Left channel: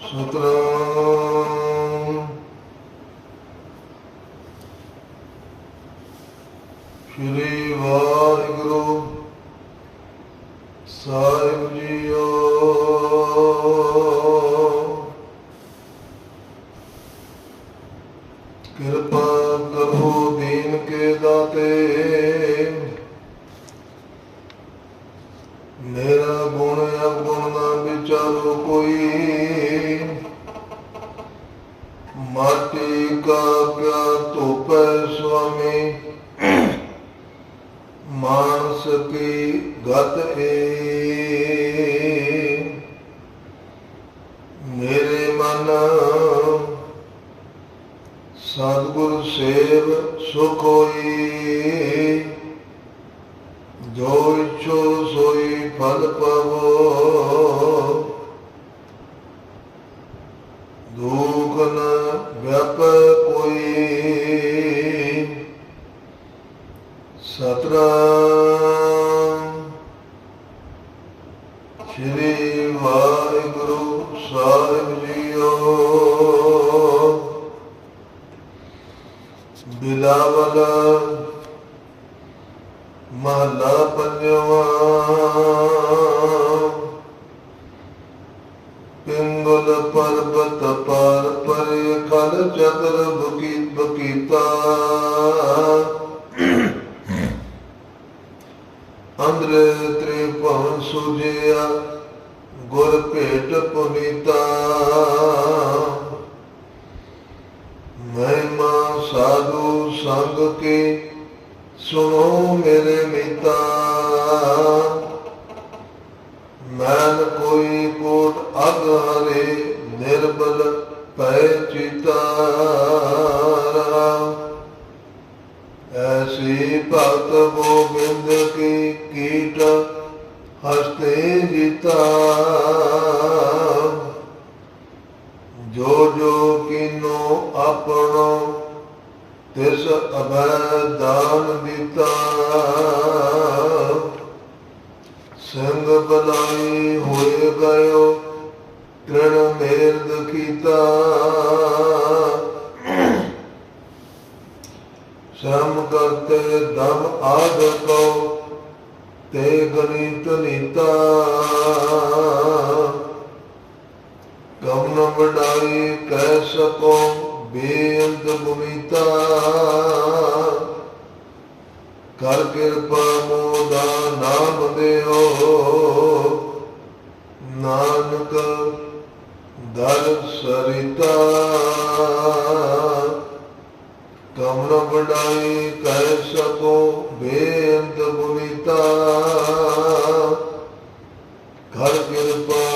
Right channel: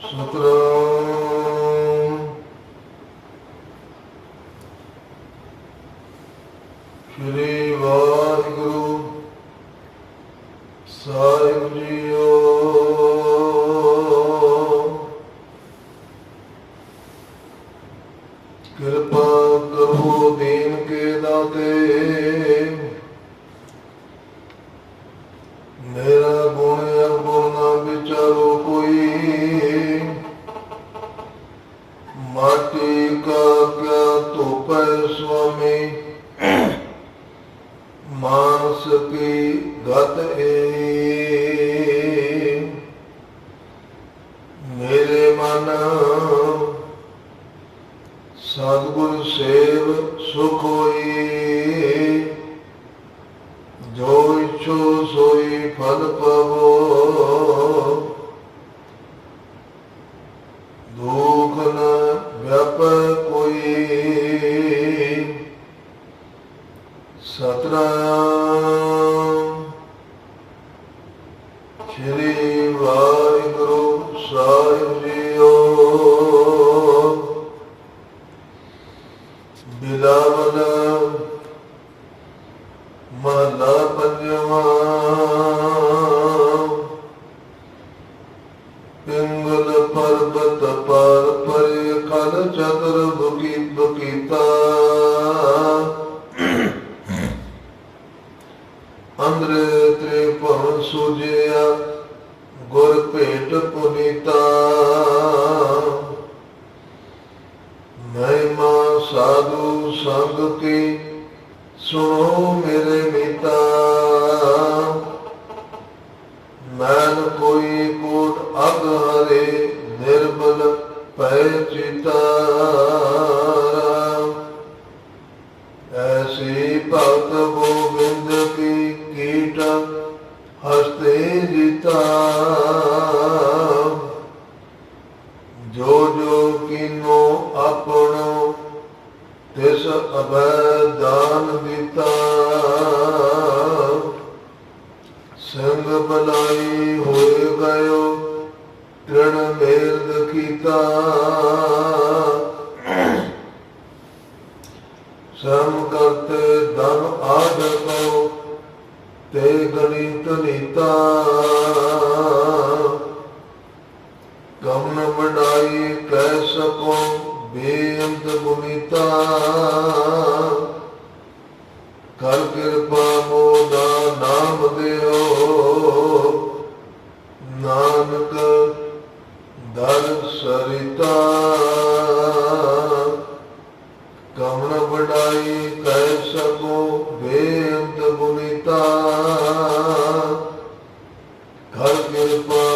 ਸਤਨਾਮ। ਸ਼੍ਰੀ ਵਾਹਿਗੁਰੂ ਸਾਹਿਬ ਜੀਓ। ਕਿਰਪਾ ਕਰੋ ਦੀਨ ਕੇ ਦਾਤੇ। ਮੇਰਾ ਗੁਣ ਅਵਗੁਣ ਨਾ ਕੋਈ। ਮਾਟੀ ਕਾ ਕਿਆ ਧੋਪੈ ਸੁਆਮੀ? ਮਾਨਸ ਕੀ ਗਤ ਏ ਮੇਰੇ ਮਨ ਸਤਿਗੁਰ ਸੇਵ ਸੁਖ ਹੋਈ। ਜੋ ਇਛੋ ਸੋਈ ਫਲ ਪਵੋ। ਸਤਨਾਮ। ਸ਼੍ਰੀ ਵਾਹਿਗੁਰੂ ਸਾਹਿਬ ਜੀਓ। ਬਿਲਾਵਲ ਮਹਲਾ ਪੰਜਵਾ। ਪਿੰਗਲ ਪਰਬਤ ਪਰ ਪਰੇ ਖਲ ਚਤਰ ਬੁਕੀ ਬਕੀਤਾ। ਅੰਦਰ ਤ੍ਰੇ ਭਵਨ ਸੁਜਿਆ, ਗੁਰ ਭੇਟ ਪੁਨੀਤਾ। ਮਹਿਮਾ ਸਾਧੂ ਸੰਗ ਕੇ ਸੁਣੋ ਮੇਰੇ ਮੀਤਾ। ਮੈਨ ਕੋਈ ਕੋਟ ਅਗ ਹਰੇ, ਨਿਰਬਲ ਪੈ ਚਿਤਾ। ਐਸੀ ਭਗਤ ਗੋਬਿੰਦ ਆਪਣੋ ਤਿਸ ਅਭੈ ਦਾਨ ਦਿੱਤਾ। ਸੰਗ ਬਲਾਈ ਹੋਏ ਗਇਓ ਤ੍ਰਿਣ ਮੇਰ ਦਖੀਤਾ ਸਮ ਕਰਤੇ ਦਮ ਆਦ ਕੋ ਤੇ ਗਣਿਤ ਨੀਤਾ। ਬੇਅੰਤ ਕਰ ਕਿਰਪਾ ਮੋਦਾ ਨਾਮ ਦਿਓ। ਨਾਨਕ ਦਰ ਸਰਿਤਾ। ਕਮ ਨ ਵਡਾਈ ਕਹਿ ਸਕੋ ਬੇਅੰਤ ਮੁਨੀਤਾ ਕਰ ਕਿਰਪਾ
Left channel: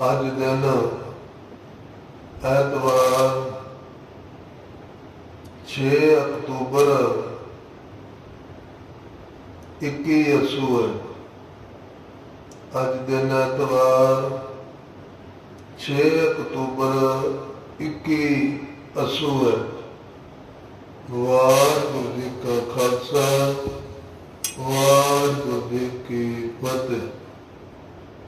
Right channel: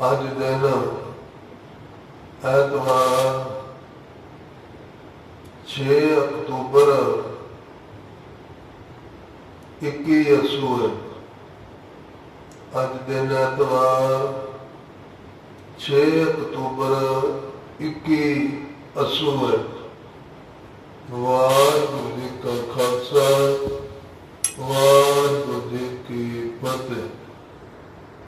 ਅੱਜ ਦਿਨ ਐਤਵਾਰ 6 ਅਕਤੂਬਰ 21 ਅਸੂਰ ਅੱਜ ਦਿਨ ਐਤਵਾਰ 6 ਅਕਤੂਬਰ 21 ਅਸੂਰ ਵਾਹਿਗੁਰੂ ਜੀ